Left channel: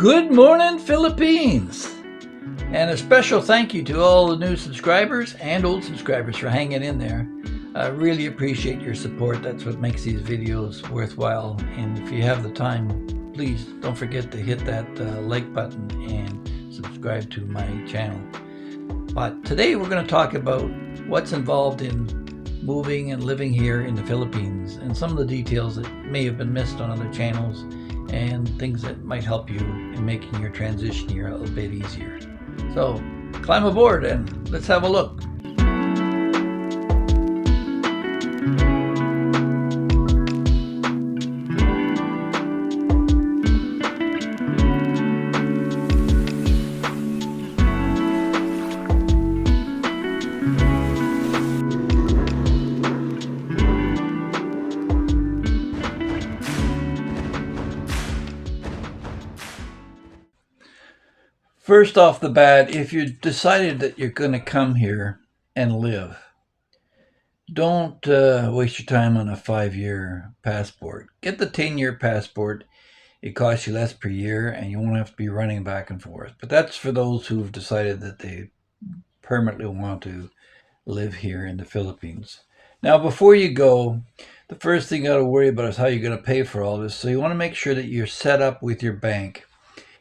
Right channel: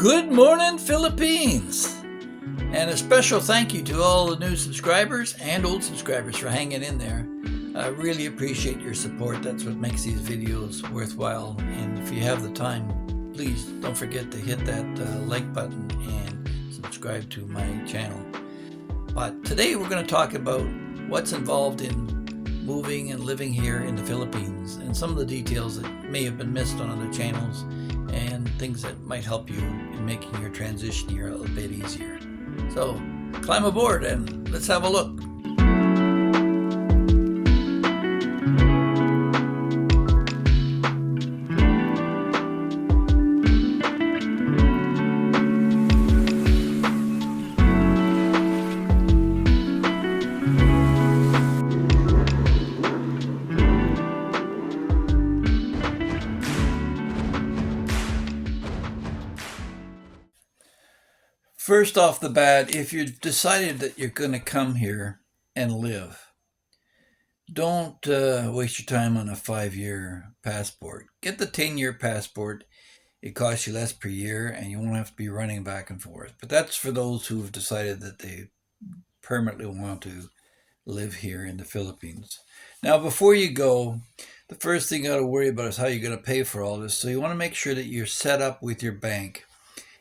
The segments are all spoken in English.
Good morning, Philippines! And a special thank you to all the new subscribers and old subscribers for hanging in there. I really appreciate your support. That's what makes these videos worthwhile. And if you have the time, please don't forget to hit that like button and subscribe to my channel. But today we're going to talk about what's involved in moving and living here in the Philippines and some of the details that may have been missed on other channels and things that might help you in making your transition here a little bit easier. So climb aboard and let's have a look. First off the bat, if you decided that you're going to come here and live, don't waste your time on a 5-year passport. Get the 10-year passport. It costs you less per year and you won't have to be running back and forth. But that's for those who've decided that they permanently want to live here in the Philippines. Now, before you go, the first thing you got to worry about is how you're going to pay for all this. So you want to make sure that you're set up with your bank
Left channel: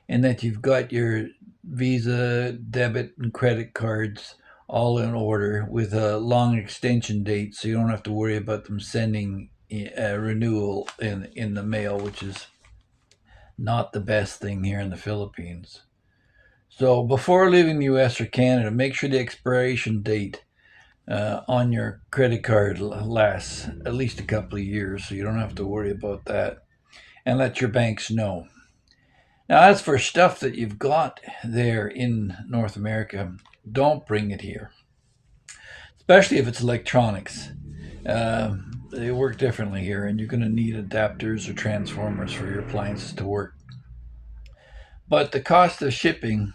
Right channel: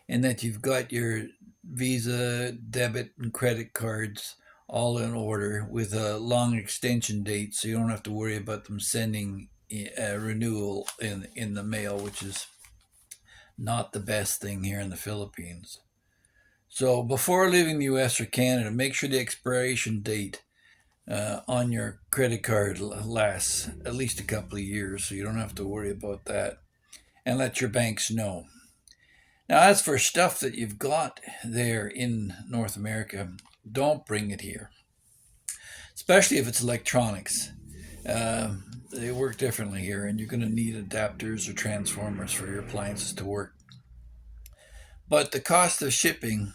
and that you've got your Visa, debit, and credit cards all in order with a long extension date, so you don't have to worry about them sending a renewal in the mail, which is not the best thing here in the Philippines. So before leaving the US or Canada, make sure the expiration date on your credit card lasts at least a couple of years, so you don't have to worry about that. And let your banks know. Now, as for stuff that you've got there in North America, don't bring it here, especially if it's electronics. They work differently here, and you're going to need adapters or transformers for your appliances to work. But the cost of shipping,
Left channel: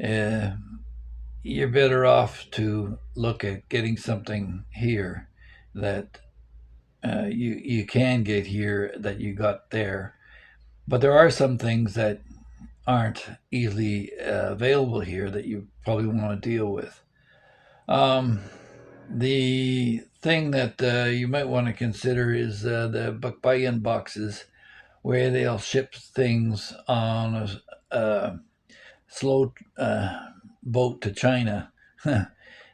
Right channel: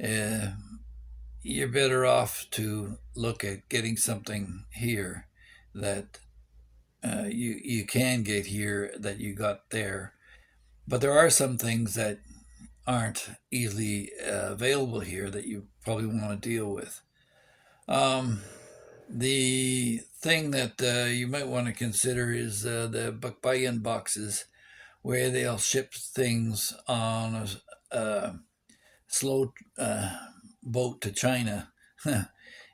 you're better off to look at getting something here that you can get here that you got there. But there are some things that aren't easily available here that you probably want to deal with. The thing that you might want to consider is the Bakbayan boxes, where they'll ship things on a slow boat to China.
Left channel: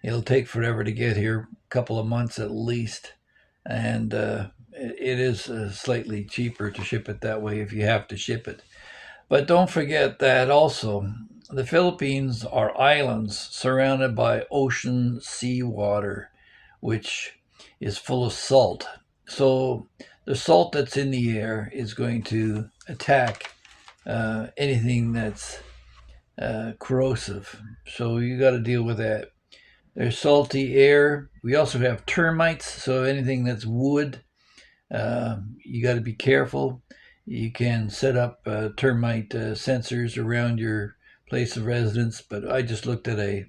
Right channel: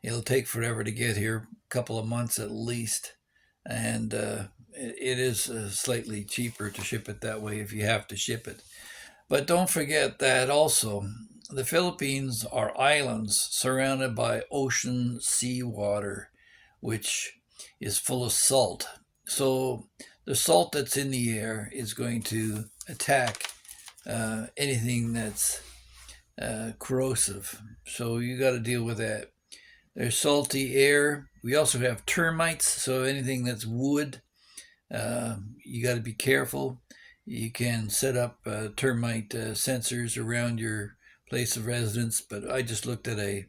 It'll take forever to get here, a couple of months at least, and it is slightly cheaper to ship it that way if you have to ship it. But don't forget that also the Philippines are islands surrounded by ocean seawater, which is full of salt. So the salt that's in the air is going to attack anything that's corrosive. So you got to deal with that. There's salty air. We also have termites, so anything that's wood, you got to be careful. You can set up termite sensors around your place of residence, but I just looked at a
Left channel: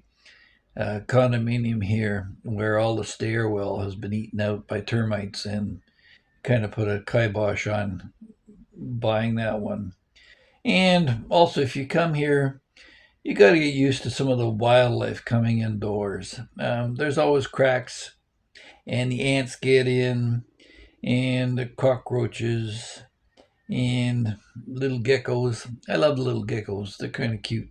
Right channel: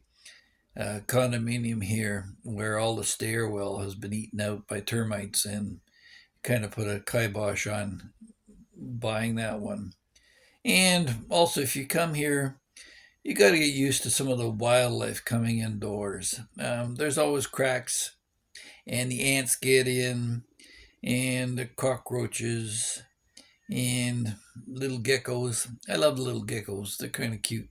condominium here where all the stairwell has been eaten out by termites and kind of put a kibosh on buying that one. And also, if you come here, you got to get used to some of the wildlife coming indoors. There's always cracks, and the ants get in, and the cockroaches, and little geckos. I love the little geckos. They're kind of cute.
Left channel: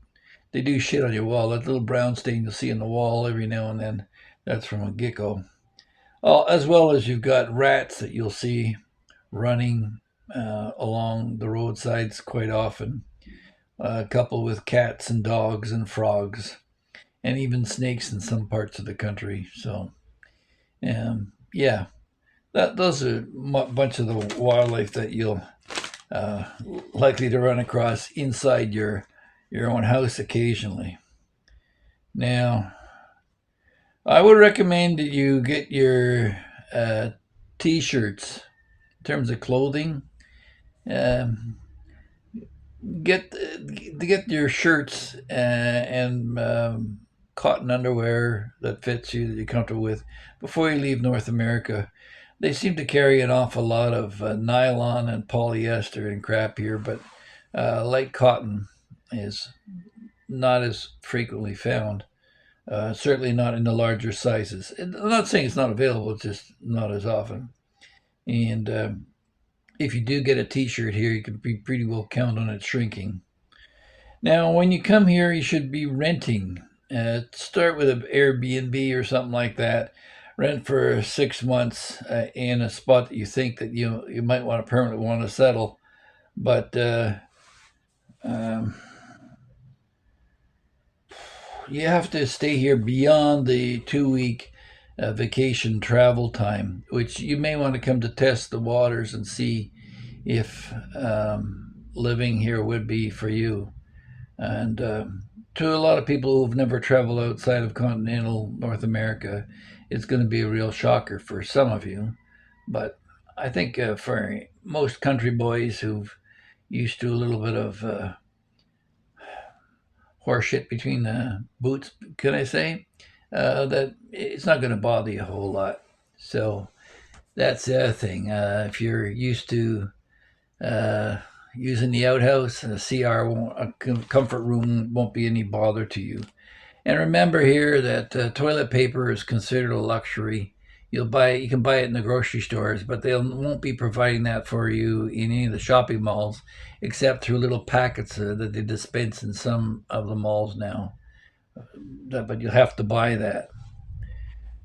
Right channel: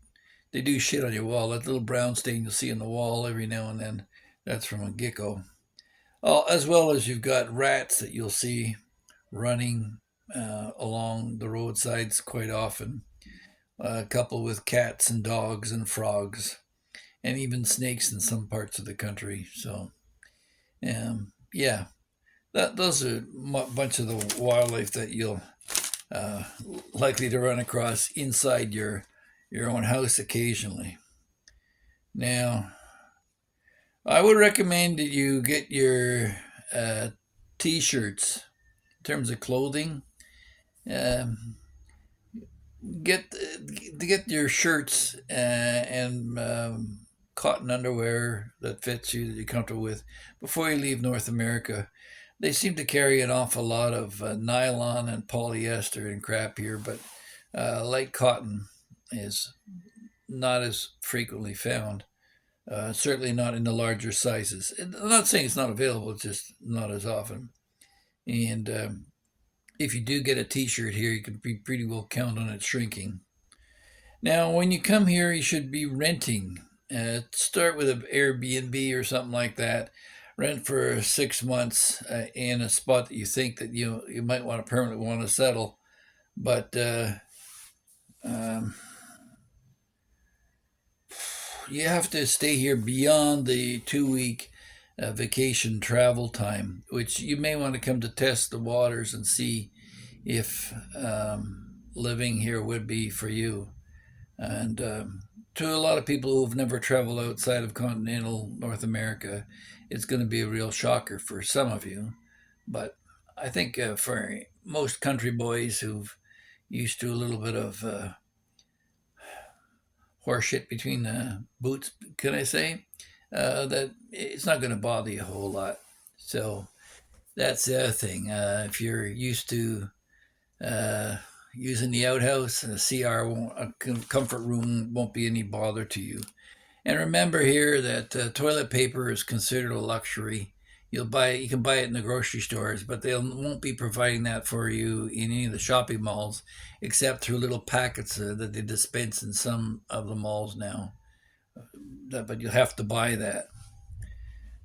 They do shit on your wall. That little brown stain you'll see on the wall every now and then, that's from a gecko. As well as you've got rats that you'll see running along the roadsides quite often. A couple with cats and dogs and frogs, and even snakes in some parts of the country. So, yeah, those are a bunch of the wildlife that you'll likely to run across inside your own house occasionally. Now, I would recommend that you get your t-shirts in terms of clothing. Get your shirts and cotton underwear that fits you, that you're comfortable with, before you leave North America. They seem to carry an awful lot of nylon and polyester and crap here, but Light cotton is not as frequently found. Certainly not in the larger sizes. I'm not saying it's not available, it's just not as often. And if you do get a t-shirt here, you can be pretty well count on it shrinking. Now, when you come here, you should be renting. Start with an Airbnb or something like that. Rent for 6 months in a spot that you think that you might want to permanently want to settle. But um, you have to stay here beyond the 2 week vacation travel time, which you may want to come to test the waters and see if living here would be for you. And to a lot of people who've never traveled outside of continental North America, it's going to be a real shocker for some of you. But I think for most country boys who've used to a little bit of horseshit between the boots, can I say, that it's not going to bother you a whole lot. So that's the other thing. If you're used to using the outhouse, a CR won't, a comfort room won't be any bother to you. And remember here that toilet paper is considered a luxury. You can buy it in the grocery stores, but they won't be providing that for you in any of the shopping malls, except through little packets that they dispense in some of the malls now. But you'll have to buy that.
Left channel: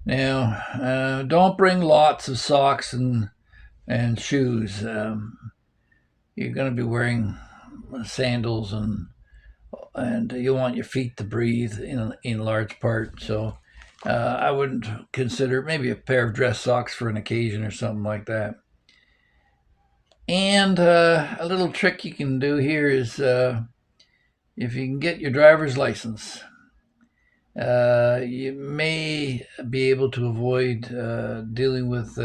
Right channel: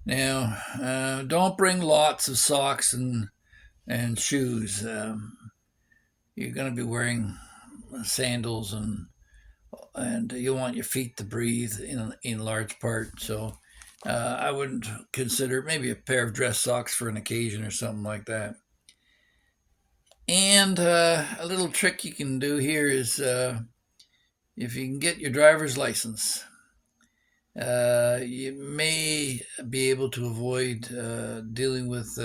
Now, don't bring lots of socks and shoes. You're going to be wearing sandals and you want your feet to breathe in large part. So I wouldn't consider maybe a pair of dress socks for an occasion or something like that. And a little trick you can do here is if you can get your driver's license, you may be able to avoid dealing with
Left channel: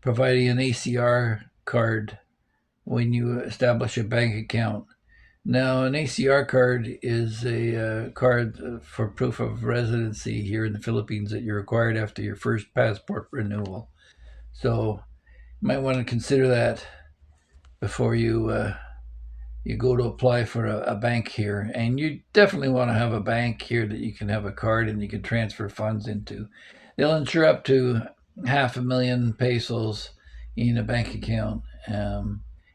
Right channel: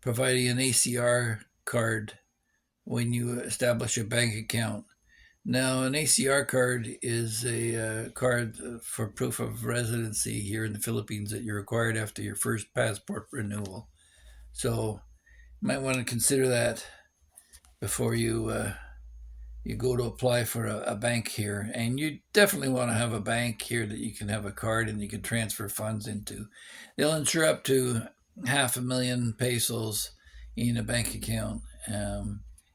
providing an ACR card when you establish a bank account. Now, an ACR card is a card for proof of residency here in the Philippines that you're required after your first passport renewal. So, you might want to consider that before you go to apply for a bank here. And you definitely want to have a bank here that you can have a card and you can transfer funds into. They'll insure up to 500,000 pesos in a bank account.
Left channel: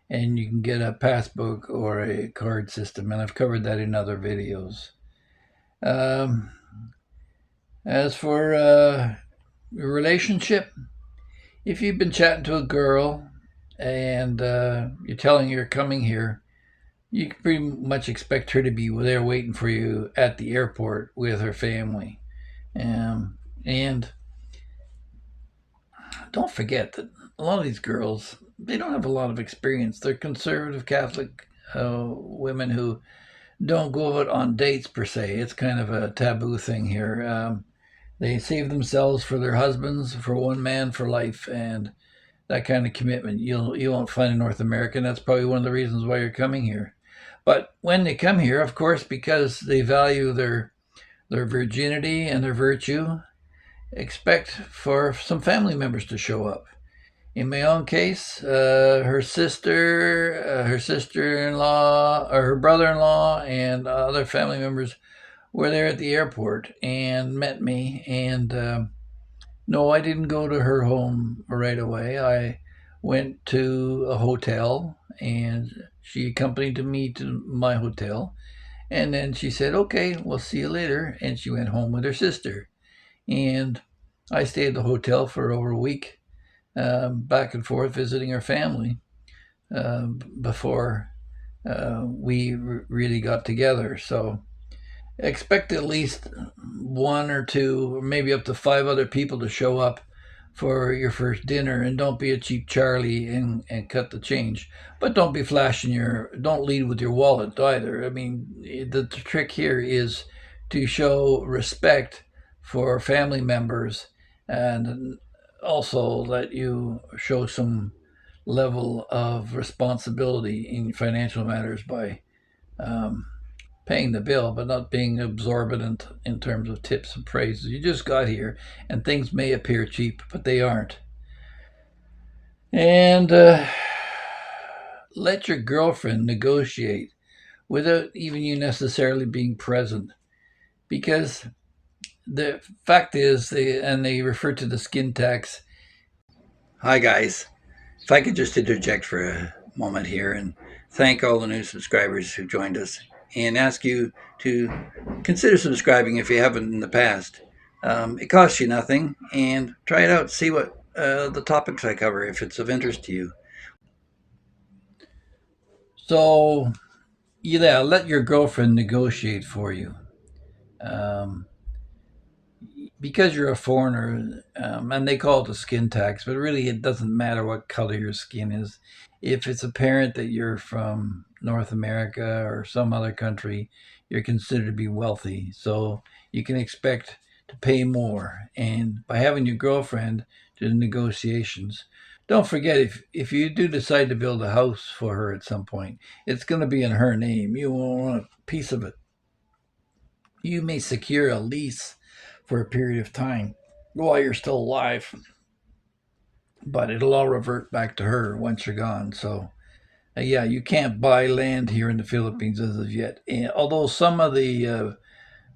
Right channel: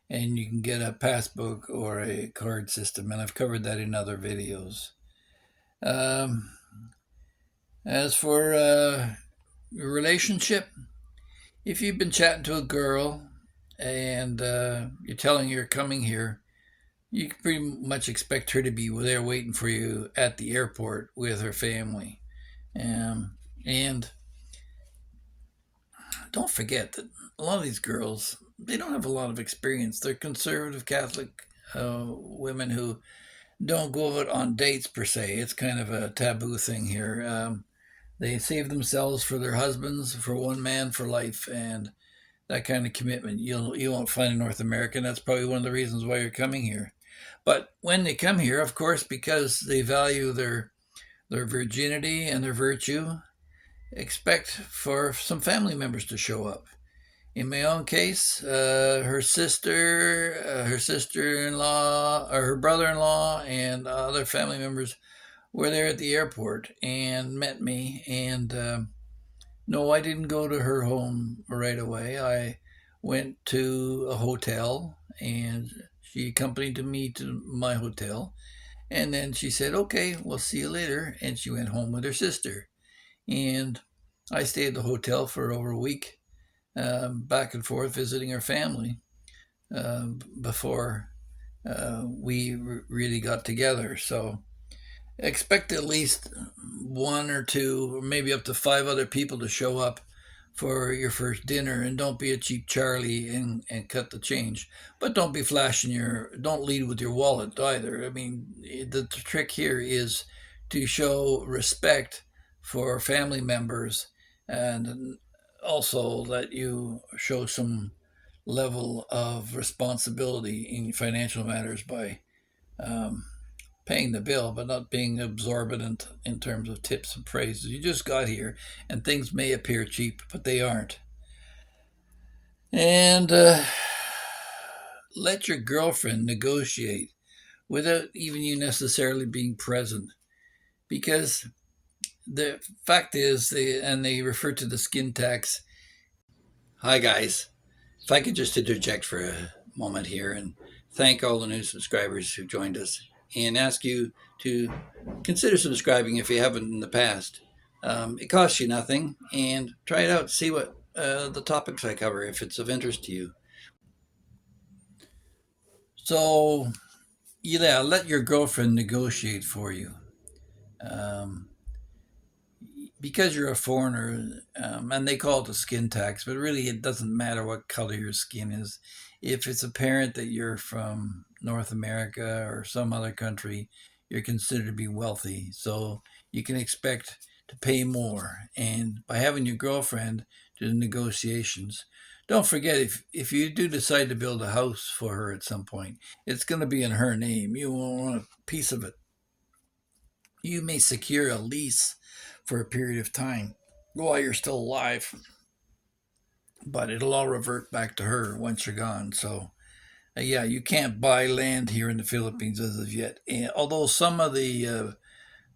And you can get a passbook or a card system, and I've covered that in other videos. Um, as for your relationship, if you've been chatting to a girl and you're telling her you're coming here, you can pretty much expect her to be there waiting for you at the airport with her family. And don't forget that a lot of these girls, they don't have a lot of experience. They're conservative Catholic women who don't go out on dates per se. It's kind of a taboo thing here. They save themselves for their husbands, for one man for life, and that kind of commitment you won't find in North America. And that's probably one of the reasons why you're coming here. But when they come here, of course, because they value their virginity and their virtue, expect for some family members to show up. In my own case, her sister-in-law, or her brother-in-law, and other family members were there at the airport and met me. And no, I didn't go to her home right away. I went to a hotel, and she accompanied me to my hotel. And then she said, "Okay, we'll see you later." And she went home with her sister. And I stayed at the hotel for over a week, back and forth visiting her family before we really got together. So expect at least one or two, or maybe up to 5 other people to show up for your first dinner. And don't be a cheap Charlie and cut the change. But don't be don't lead with your wallet either. I mean, the trick here is to show respect for family members, and also that you show some level of responsibility in financial matters by paying the bill, but not being absorbent in terms of tips and praises. You just got here, and things may appear cheap, but they aren't. And let your girlfriend negotiate without even you necessarily being present. Because the fact is, they refer to the skin tax. Hi, guys. If I could just interject for a moment here and thank all the new subscribers who joined us and ask you to consider subscribing if you haven't in the past. It costs you nothing, and try it out. See what the topics I cover if it's of interest to you. So, yeah, let your girlfriend negotiate for you. Um, because you're a foreigner, and they call it a skin tax, but really it doesn't matter what color your skin is. If it's apparent that you're from North America or some other country, you're considered to be wealthy. So you can expect to pay more. And by having your girlfriend do the negotiations, don't forget if you do decide to build a house for her at some point, it's going to be in her name. You won't want a piece of it. You may secure a lease for a period of time while you're still alive, but it'll all revert back to her once you're gone. So, yeah, you can't buy land here in the Philippines as of yet. And although some of the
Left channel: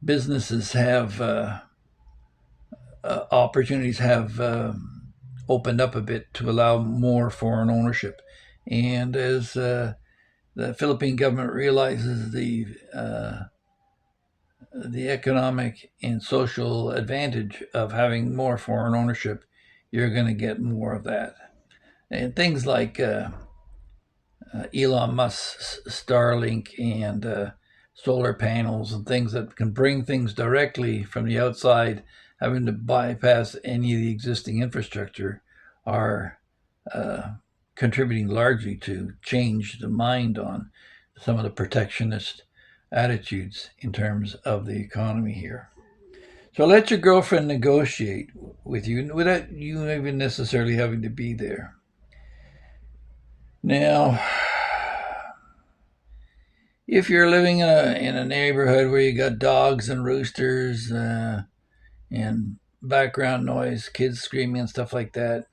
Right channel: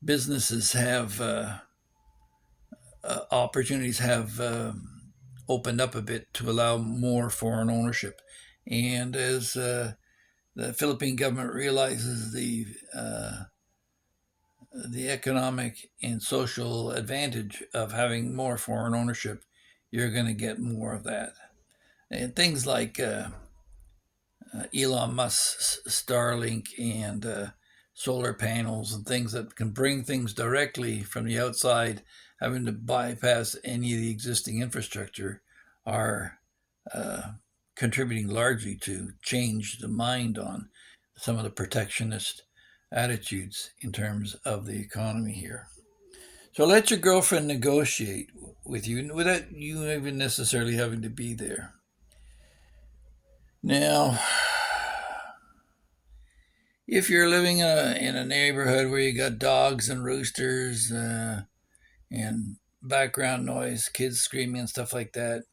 businesses have opportunities have opened up a bit to allow more foreign ownership, and as the Philippine government realizes the economic and social advantage of having more foreign ownership, you're going to get more of that. And things like Elon Musk's Starlink and solar panels and things that can bring things directly from the outside, having to bypass any of the existing infrastructure, are contributing largely to change the mind on some of the protectionist attitudes in terms of the economy here. So let your girlfriend negotiate with you without you even necessarily having to be there. Now, if you're living in a neighborhood where you got dogs and roosters and background noise, kids screaming and stuff like that,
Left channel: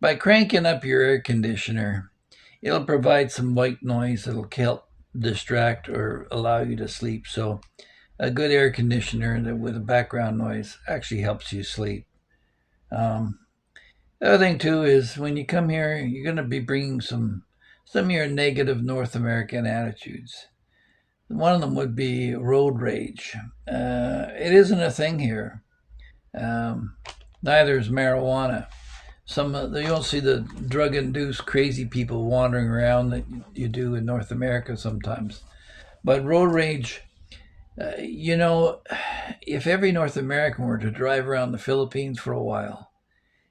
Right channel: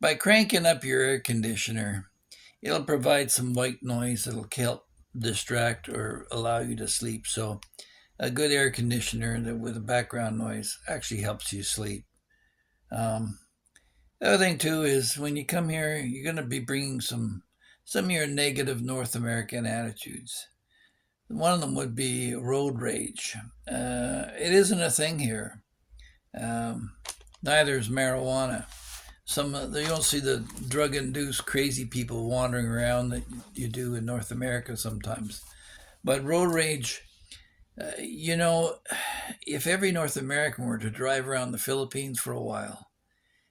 by cranking up your air conditioner, it'll provide some white noise that'll help distract or allow you to sleep. So a good air conditioner with a background noise actually helps you sleep. The other thing too is when you come here, you're going to be bringing some of your negative North American attitudes. One of them would be road rage. It isn't a thing here. Neither is marijuana. You don't see the drug-induced crazy people wandering around that you do in North America sometimes. But road rage, if every North American were to drive around the Philippines for a while,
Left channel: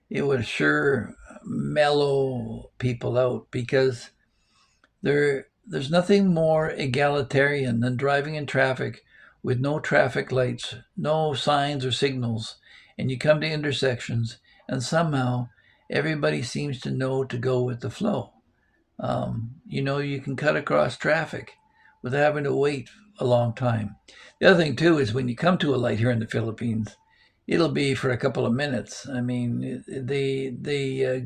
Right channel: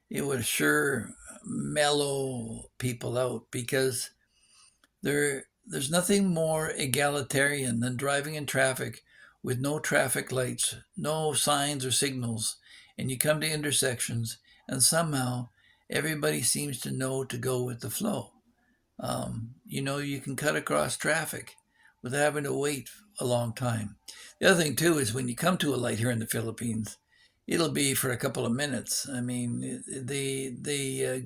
it would sure mellow people out because there's nothing more egalitarian than driving in traffic with no traffic lights, no signs or signals, and you come to intersections and somehow everybody seems to know to go with the flow. You can cut across traffic without having to wait a long time. The other thing too is when you come to a light here in the Philippines, it'll be for a couple of minutes. I mean, they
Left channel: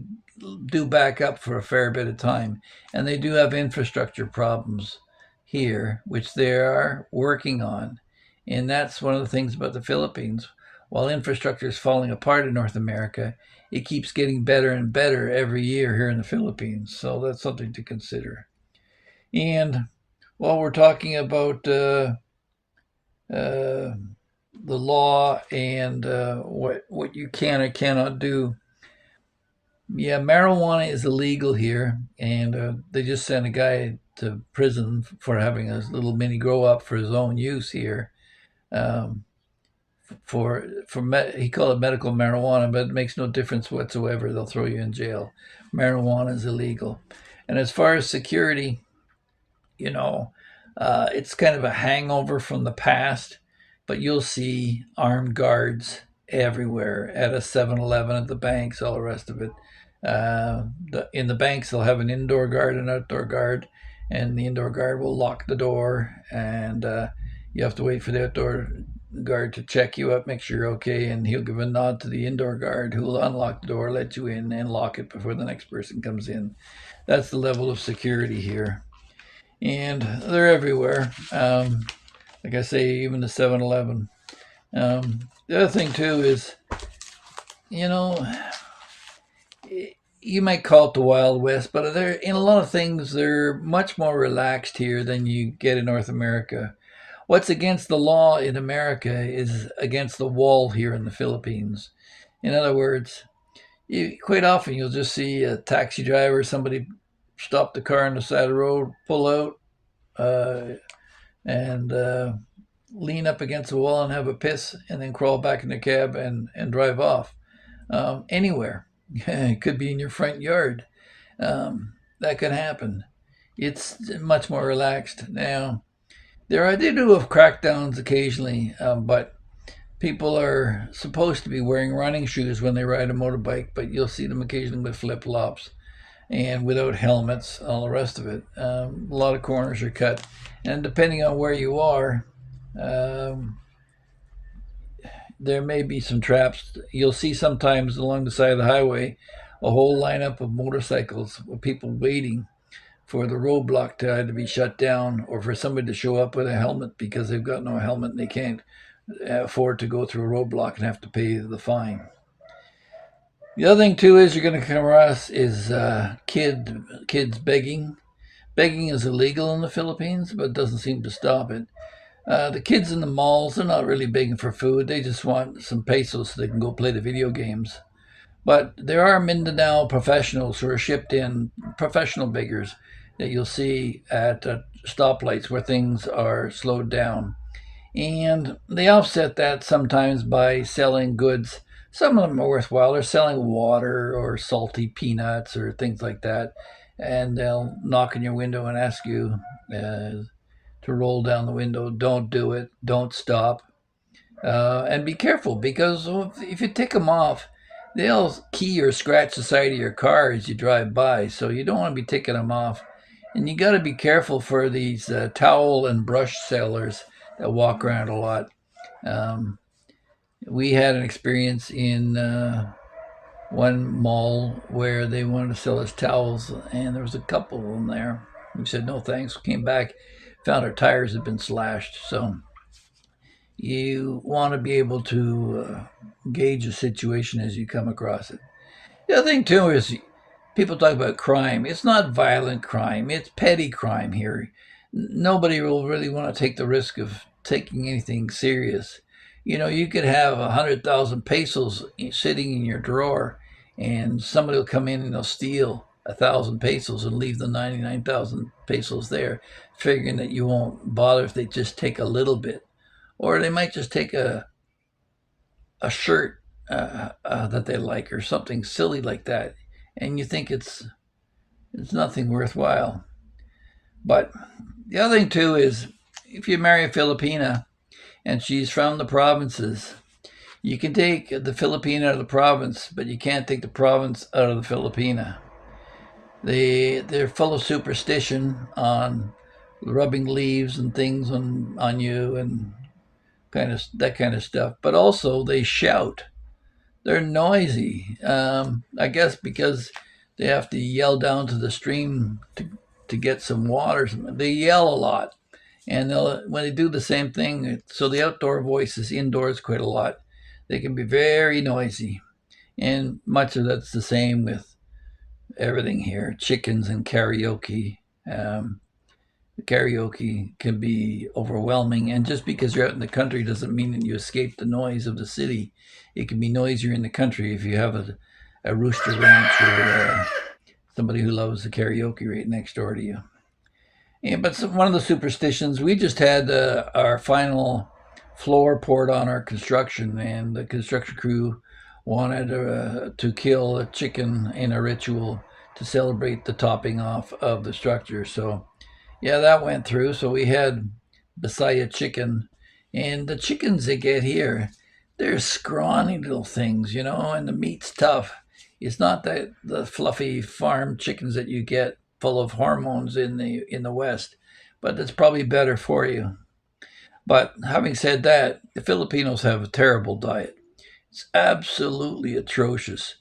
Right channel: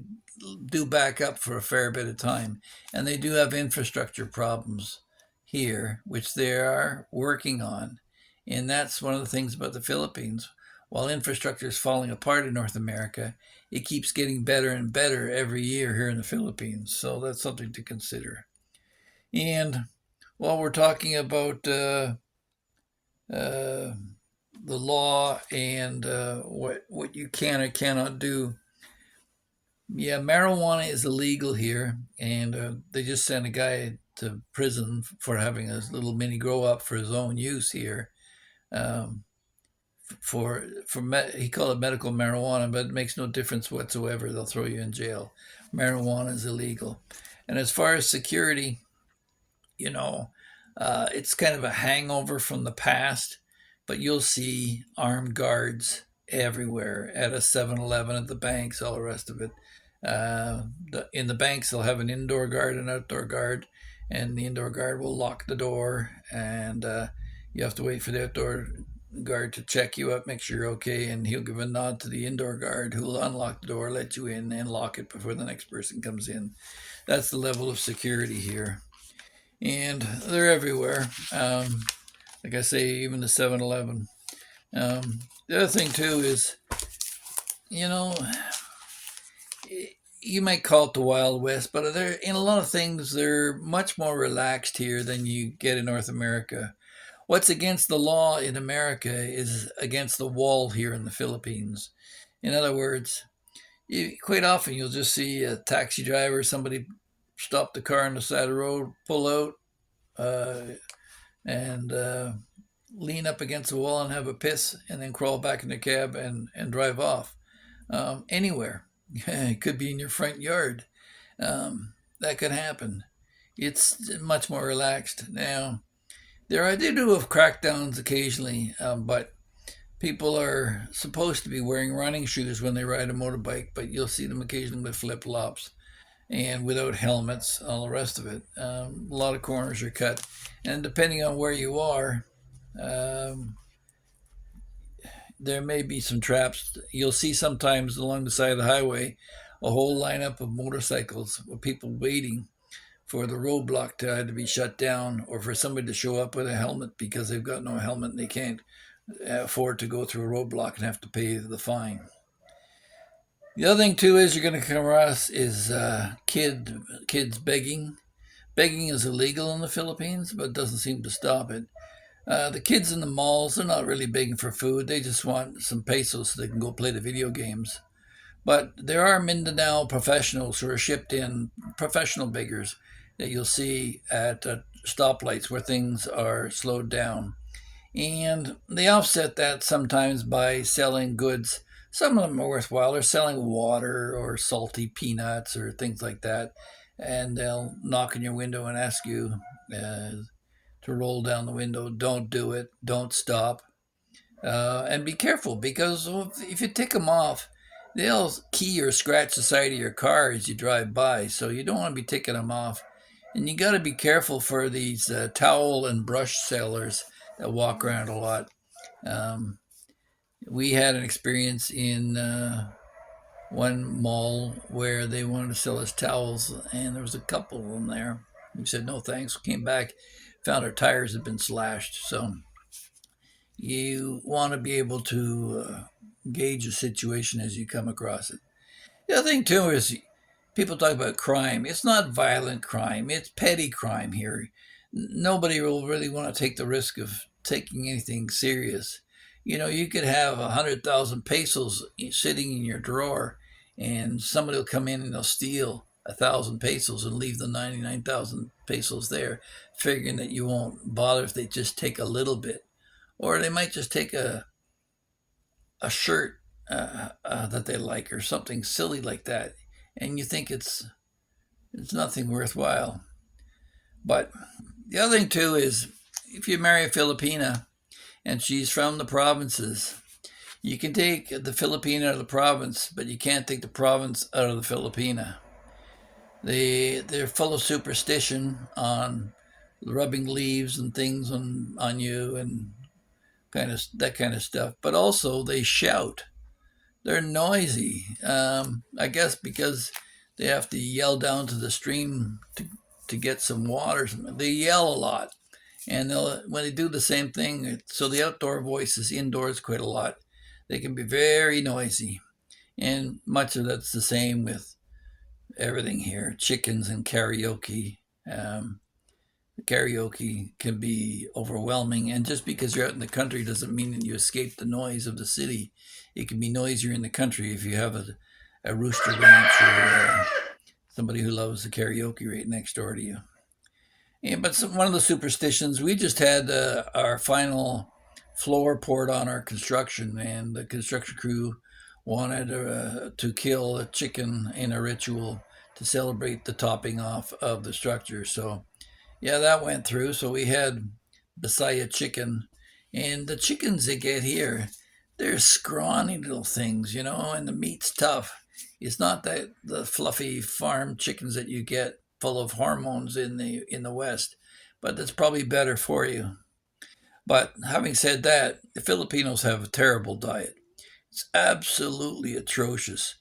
do back up for a fair bit of time, and they do have infrastructure problems here, which they are working on, and that's one of the things about the Philippines. While infrastructure is falling apart in North America, it keeps getting better and better every year here in the Philippines. So that's something to consider. And while we're talking about the law and what you can or cannot do. Yeah, marijuana is illegal here, and they just sent a guy to prison for having a little mini grow up for his own use here. Um, he called it medical marijuana, but it makes no difference whatsoever. They'll throw you in jail. Marijuana is illegal, and as far as security, you know, it's kind of a hangover from the past, but you'll see armed guards everywhere at a 7-Eleven, at the banks, all the rest of it. In the banks, they'll have an indoor guard and outdoor guard, and the indoor guard will lock the door, and you have to wait for the outdoor guard to check you up, make sure you're okay, and he'll give a nod to the indoor guard who will unlock the door, let you in, and lock it before the next person comes in. That's the level of security here. And they're everywhere. Like I say, even the 7-Eleven. The other thing, too, is, you know, you might call it the Wild West, but they're, in a lot of things, they're much more relaxed here than you get in North America. What's against the law in America is against the wall here in the Philippines. In other words, quite often you'll just see a taxi driver, somebody stop the car on the side of the road, pull out, uh, and lean up against the wall and have a piss, and then crawl back in the cab and drive off. Anywhere. It could be in your front yard. That could happen. It's much more relaxed now. They do have crackdowns occasionally, but people are supposed to be wearing running shoes when they ride a motorbike, but you'll see them occasionally with flip flops and without helmets, all the rest of it. A lot of corners are cut, and depending on where you are, um, there may be some traps. You'll see sometimes along the side of the highway a whole lineup of motorcycles with people waiting for the roadblock to either be shut down or for somebody to show up with a helmet because they've got no helmet and they can't afford to go through a roadblock and have to pay the fine. The other thing too is you're going to come across is kids begging. Begging is illegal in the Philippines, but it doesn't seem to stop it. The kids in the malls, they're not really begging for food. They just want some pesos so they can go play the video games. But there are Mindanao professionals who are shipped in, professional beggars that you'll see at stoplights where things are slowed down. And they offset that sometimes by selling goods. Some of them are worthwhile. They're selling water or salty peanuts or things like that. And they'll knock on your window and ask you to roll down the window. Don't do it. Don't stop. And be careful because if you take them off, they'll key or scratch the side of your car as you drive by. So you don't want to be taking them off. And you got to be careful for these towel and brush sellers that walk around a lot. We had an experience in one mall where they wanted to sell us towels, and there was a couple of them there. We said no thanks. Came back, found our tires had been slashed. So you want to be able to gauge a situation as you come across it. The other thing too is people talk about crime. It's not violent crime. It's petty crime here. Nobody will really want to take the risk of taking anything serious. You know, you could have 100,000 pesos sitting in your drawer, and somebody will come in and they'll steal 1,000 pesos and leave the 99,000 pesos there, figuring that you won't bother if they just take a little bit, or they might just take a shirt that they like or something silly like that, and you think it's nothing worthwhile. But the other thing too is if you marry a Filipina and she's from the provinces, you can take the Filipina out of the province, but you can't take the province out of the Filipina. They're full of superstition on rubbing leaves and things on you and that kind of stuff. But also they shout. They're noisy. I guess because they have to yell down to the stream to get some water. They yell a lot, and when they do the same thing, so the outdoor voice is indoors quite a lot. They can be very noisy, and much of that's the same with everything here. Chickens and karaoke. Karaoke can be overwhelming, and just because you're out in the country doesn't mean that you escape the noise of the city. It can be noisier in the country if you have a rooster ranch or somebody who loves the karaoke right next door to you. Yeah, but one of the superstitions, we just had our final floor poured on our construction, and the construction crew wanted to kill a chicken in a ritual to celebrate the topping off of the structure. So, yeah, that went through. So we had Bisaya chicken, and the chickens they get here, they're scrawny little things, and the meat's tough. It's not the fluffy farm chickens that you get full of hormones in the West, but it's probably better for you. But having said that, the Filipinos have a terrible diet. It's absolutely atrocious.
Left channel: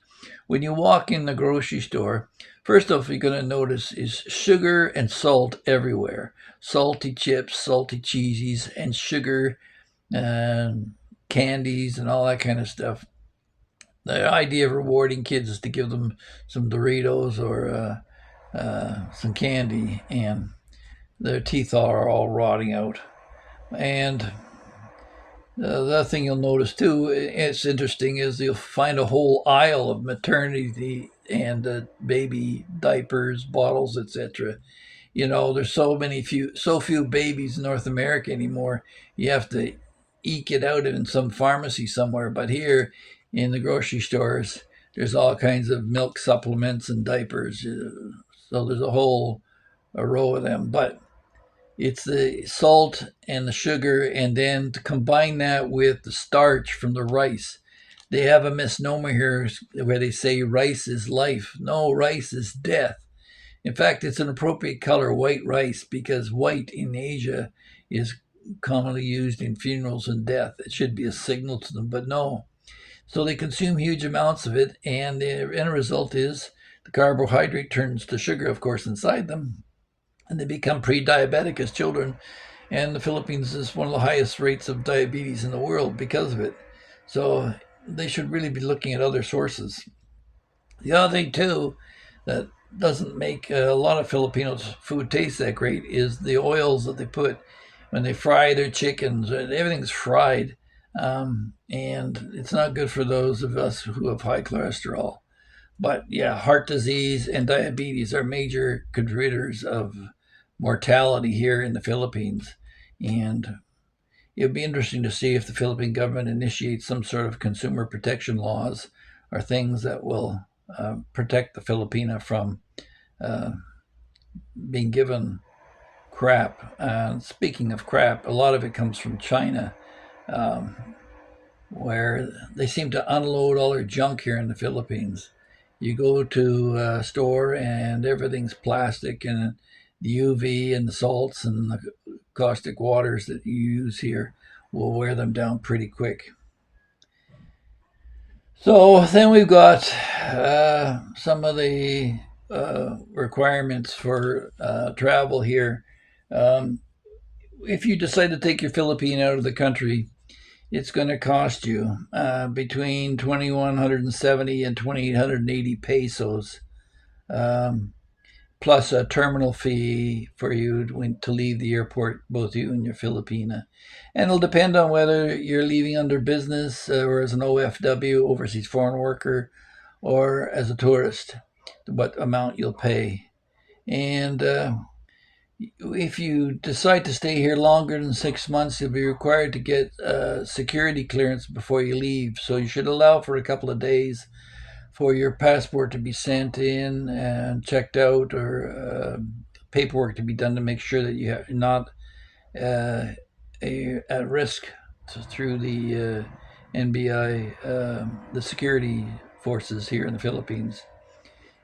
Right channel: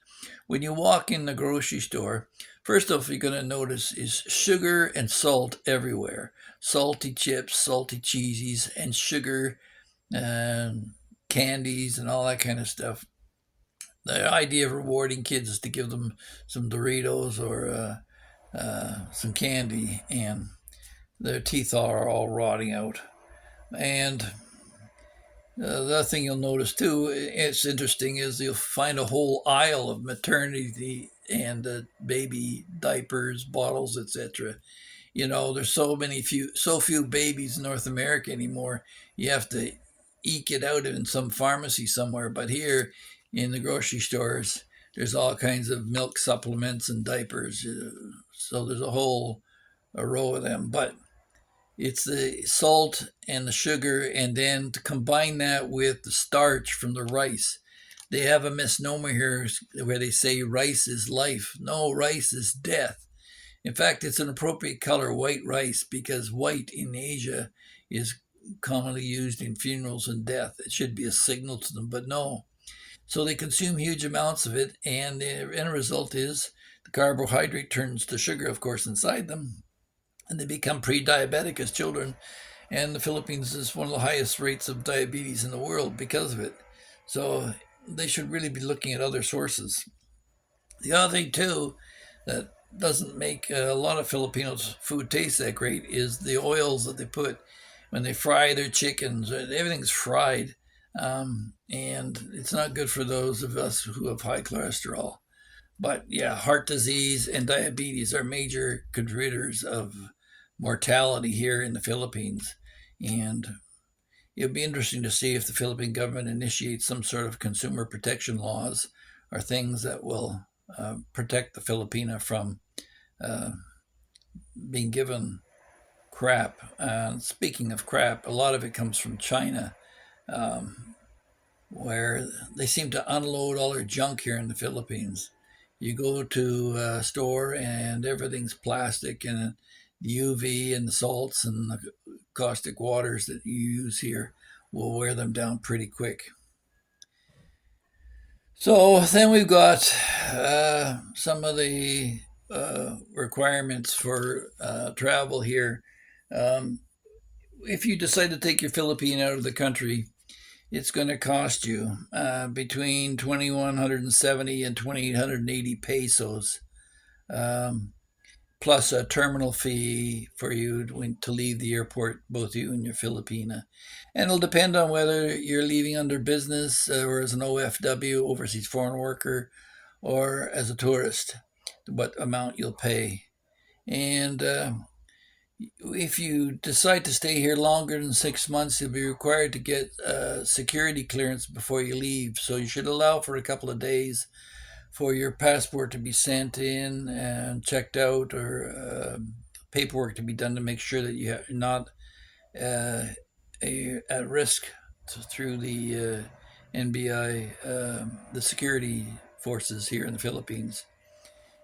When you walk in the grocery store, first off, you're going to notice is sugar and salt everywhere. Salty chips, salty cheesies, and sugar and candies and all that kind of stuff. The idea of rewarding kids is to give them some Doritos or some candy, and their teeth are all rotting out. And the other thing you'll notice too, it's interesting, is you'll find a whole aisle of maternity and baby diapers, bottles, etc. You know, there's so few babies in North America anymore. You have to eke it out in some pharmacy somewhere. But here in the grocery stores, there's all kinds of milk supplements and diapers. So there's a row of them. But it's the salt and the sugar, and then to combine that with the starch from the rice. They have a misnomer here where they say rice is life. No, rice is death. In fact, it's an appropriate color, white rice, because white in Asia is commonly used in funerals and death. It should be a signal to them, but no. So they consume huge amounts of it, and the end result is the carbohydrate turns to sugar, of course, inside them, and they become pre-diabetic as children. And the Philippines is one of the highest rates of diabetes in the world because of it. So they should really be looking at other sources. The other thing too that doesn't make a lot of Filipinos' food taste that great is the oils that they put when they fry their chickens. Everything's fried, and it's not good for those of us who have high cholesterol. But yeah, heart disease and diabetes are major contributors of mortality here in the Philippines. And it'll be interesting to see if the Philippine government initiates some sort of consumer protection laws or things that will protect the Filipina from uh, being given crap. And speaking of crap, a lot of it comes from China, um, where they seem to unload all their junk here in the Philippines. You go to a store and everything's plastic, and the UV and the salts and the caustic waters that you use here will wear them down pretty quick. So then we've got some of the requirements for travel here. Um, if you decide to take your Philippine out of the country, it's going to cost you between 2,170 and 2,880 pesos, um, plus a terminal fee for you to leave the airport, both you and your Filipina. And it'll depend on whether you're leaving under business or as an OFW, overseas foreign worker, or as a tourist, what amount you'll pay. And if you decide to stay here longer than 6 months, you'll be required to get security clearance before you leave. So you should allow for a couple of days for your passport to be sent in and checked out, or paperwork to be done to make sure that you're not uh, at risk through the NBI, the security forces here in the Philippines.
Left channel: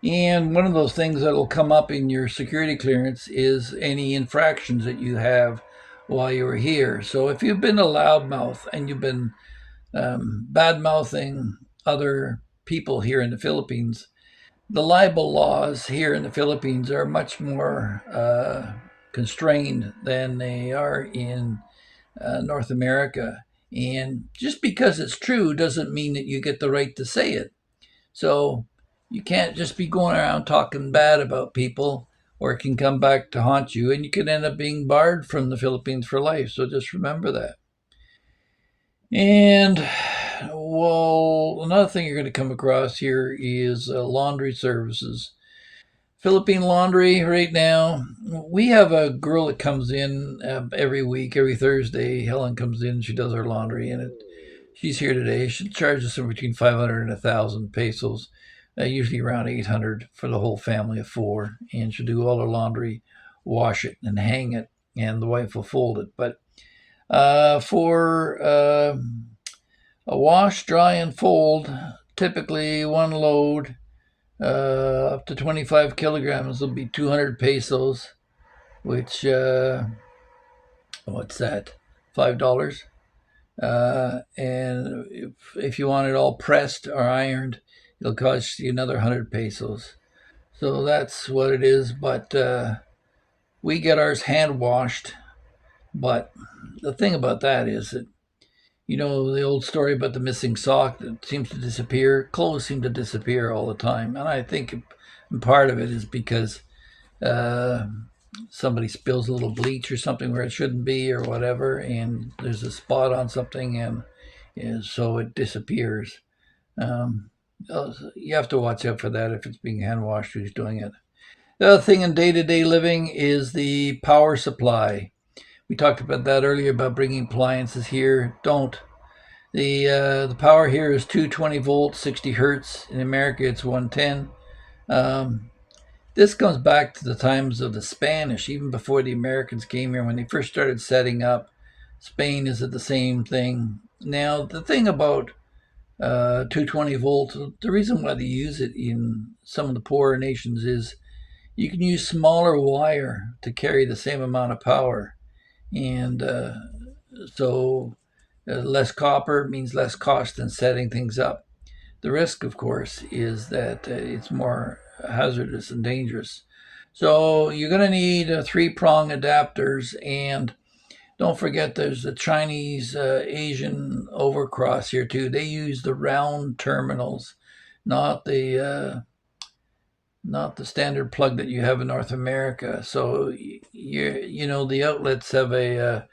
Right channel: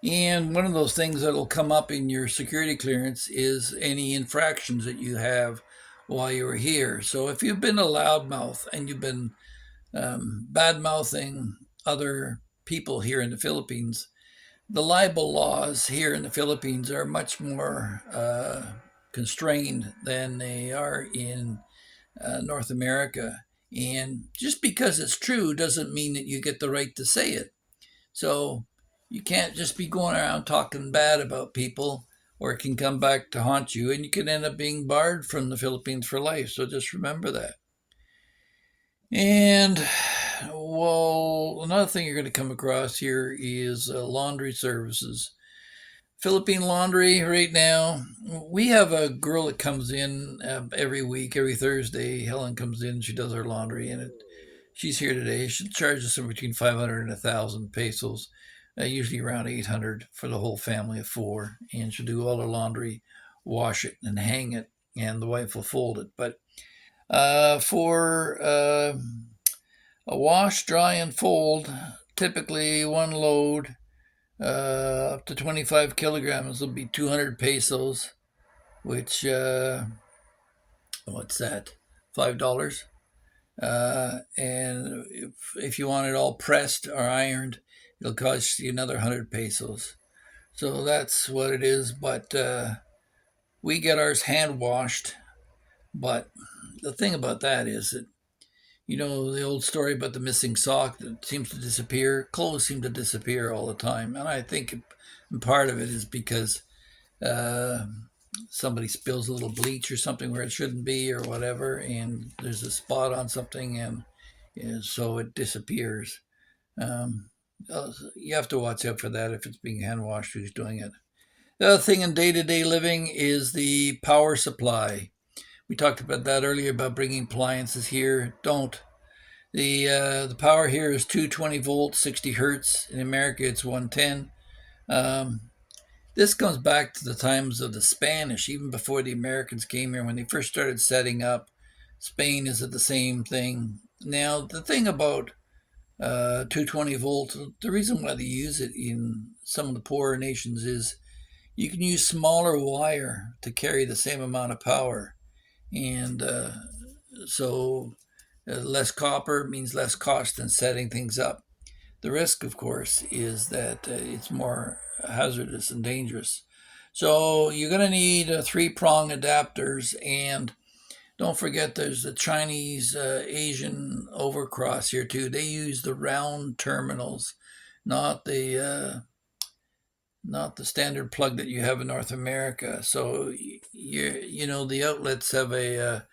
And one of those things that'll come up in your security clearance is any infractions that you have while you were here. So if you've been a loudmouth and you've been bad mouthing other people here in the Philippines, the libel laws here in the Philippines are much more constrained than they are in North America. And just because it's true doesn't mean that you get the right to say it. So you can't just be going around talking bad about people, or it can come back to haunt you, and you can end up being barred from the Philippines for life. So just remember that. And well, another thing you're going to come across here is laundry services. Philippine Laundry right now, we have a girl that comes in every week, every Thursday. Helen comes in, she does our laundry, and she's here today. She charges us between 500 and 1,000 pesos, usually around 800 for the whole family of four. And she'll do all our laundry, wash it, and hang it, and the wife will fold it. But for a wash, dry, and fold, typically one load up to 25 kilograms will be 200 pesos, which, what's that? $5. And if you want it all pressed or ironed, it'll cost you another 100 pesos. So that's what it is. But we get ours hand washed. But the thing about that is that, you know, the old story about the missing sock that seems to disappear. Clothes seem to disappear all the time. And I think part of it is because uh, somebody spills a little bleach or something where it shouldn't be or whatever, and there's a spot on something, and so it disappears. Um, you have to watch out for that if it's being hand washed, who's doing it. The other thing in day-to-day living is the power supply. We talked about that earlier about bringing appliances here. Don't. The power here is 220 volts, 60 hertz. In America, it's 110. Um, This goes back to the times of the Spanish, even before the Americans came here. When they first started setting up, Spain is at the same thing. Now, the thing about 220 volt, the reason why they use it in some of the poorer nations is you can use smaller wire to carry the same amount of power. And so less copper means less cost in setting things up. The risk, of course, is that it's more hazardous and dangerous. So you're going to need three-prong adapters, and don't forget there's the Chinese Asian overcross here too. They use the round terminals, not the standard plug that you have in North America. So you know the outlets have a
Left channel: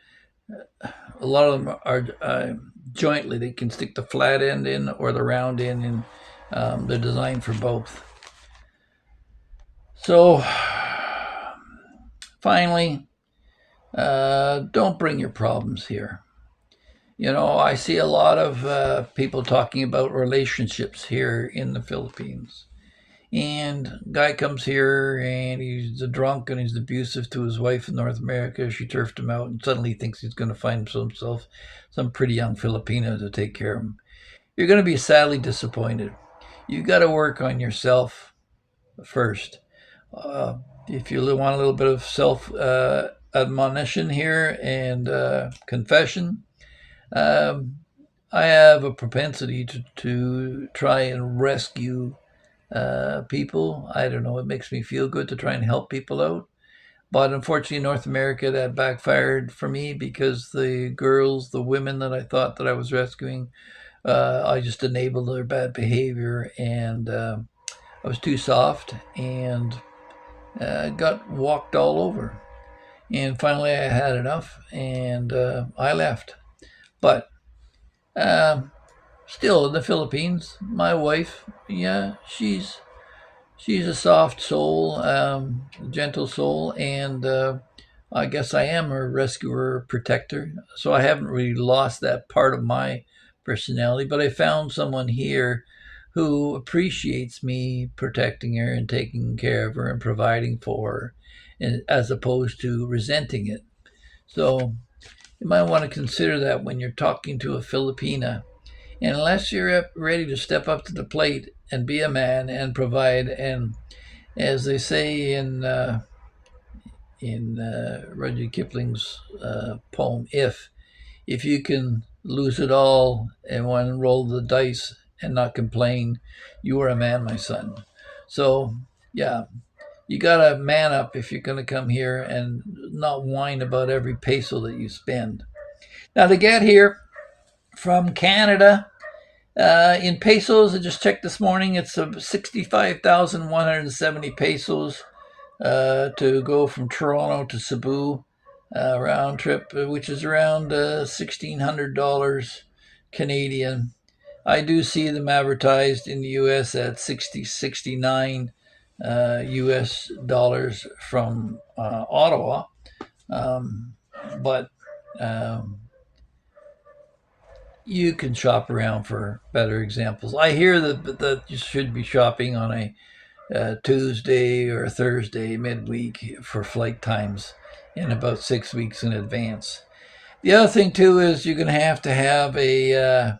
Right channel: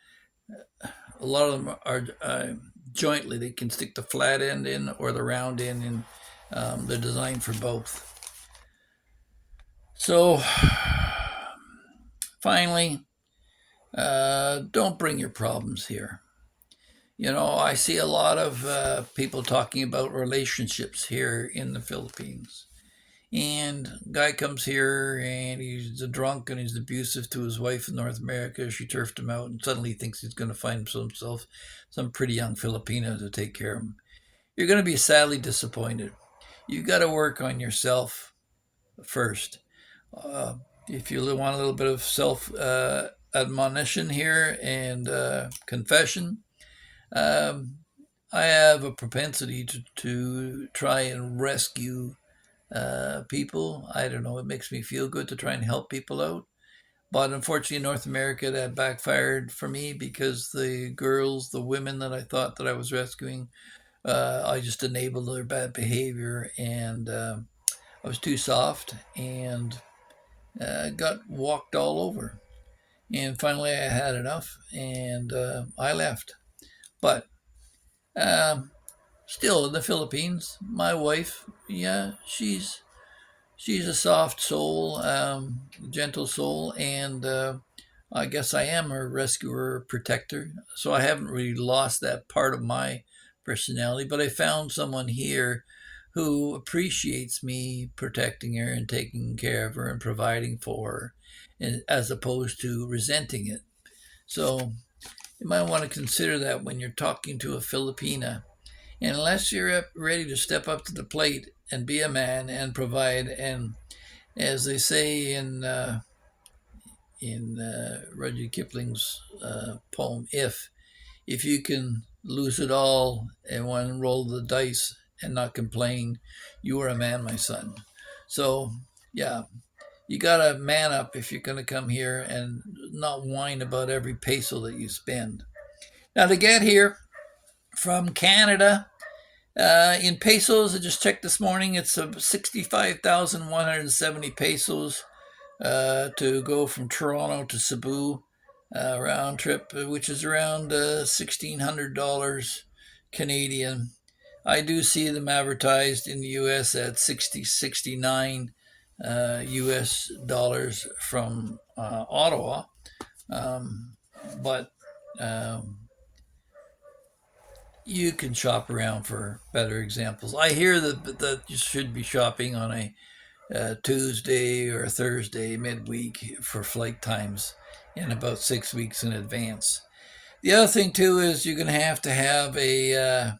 lot of them are jointly. They can stick the flat end in or the round end in. They're designed for both. So finally, don't bring your problems here. You know, I see a lot of people talking about relationships here in the Philippines. And guy comes here and he's a drunk and he's abusive to his wife in North America. She turfed him out and suddenly thinks he's going to find himself some pretty young Filipino to take care of him. You're going to be sadly disappointed. You've got to work on yourself first. If you want a little bit of self admonition here and confession, I have a propensity to try and rescue people. I don't know, it makes me feel good to try and help people out. But unfortunately, in North America, that backfired for me because the girls, the women that I thought that I was rescuing, I just enabled their bad behavior, and I was too soft and got walked all over. And finally, I had enough, and I left. But um, still, in the Philippines, my wife, yeah, she's a soft soul, gentle soul, and I guess I am a rescuer, protector. So I haven't really lost that part of my personality, but I found someone here who appreciates me protecting her and taking care of her and providing for her, and, as opposed to resenting it. So you might want to consider that when you're talking to a Filipina. And unless you're ready to step up to the plate and be a man and provide, and as they say in Rudyard Kipling's poem, if you can lose it all and one roll the dice and not complain, you are a man, my son. So yeah, you gotta man up if you're gonna come here and not whine about every peso that you spend. Now to get here from Canada, in pesos, I just checked this morning, it's 65,170 pesos to go from Toronto to Cebu, round trip, which is around $1,600 Canadian. I do see them advertised in the US at 60, 69 US dollars from Ottawa. But you can shop around for better examples. I hear that you should be shopping on a Tuesday or Thursday midweek for flight times in about 6 weeks in advance. The other thing too is you're going to have a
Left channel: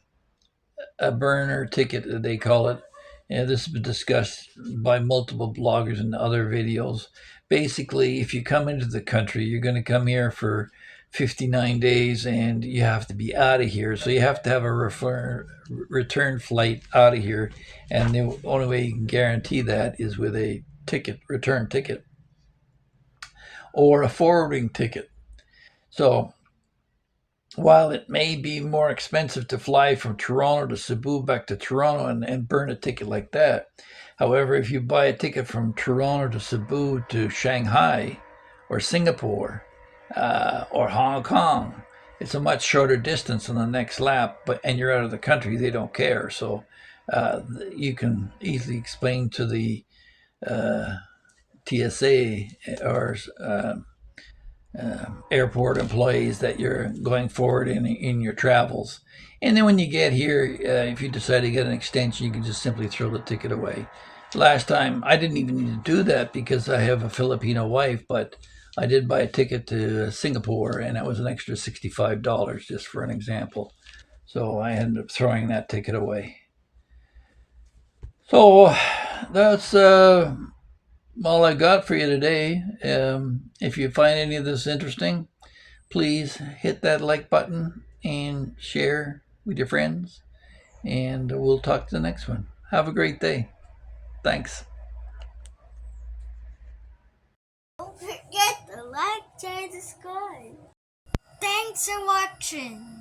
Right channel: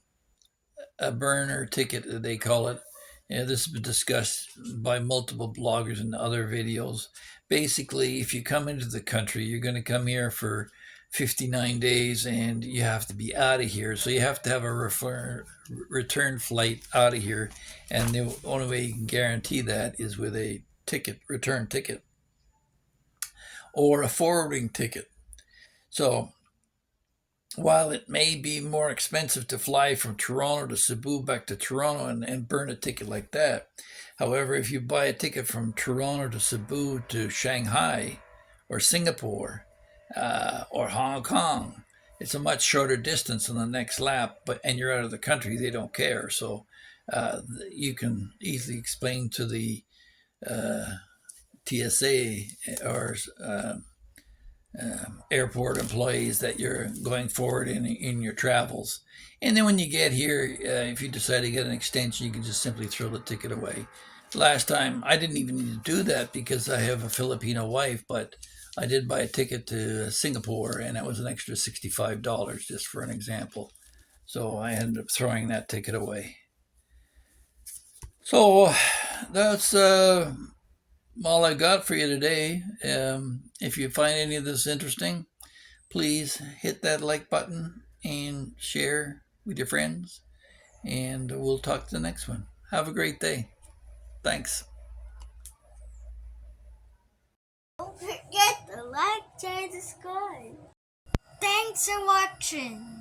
burner ticket, they call it. And this has been discussed by multiple bloggers and other videos. Basically, if you come into the country, you're going to come here for 59 days and you have to be out of here. So you have to have a return flight out of here. And the only way you can guarantee that is with a return ticket, or a forwarding ticket. So while it may be more expensive to fly from Toronto to Cebu back to Toronto and burn a ticket like that, however, if you buy a ticket from Toronto to Cebu to Shanghai or Singapore or Hong Kong, it's a much shorter distance on the next lap, and you're out of the country. They don't care. So you can easily explain to the TSA or airport employees that you're going forward in your travels. And then when you get here, if you decide to get an extension, you can just simply throw the ticket away. Last time, I didn't even need to do that because I have a Filipino wife, but I did buy a ticket to Singapore, and it was an extra $65, just for an example. So I ended up throwing that ticket away. So that's all I got for you today. If you find any of this interesting, please hit that like button and share with your friends. And we'll talk to the next one. Have a great day. Thanks. Don't forget to like, share, subscribe. Thanks for watching.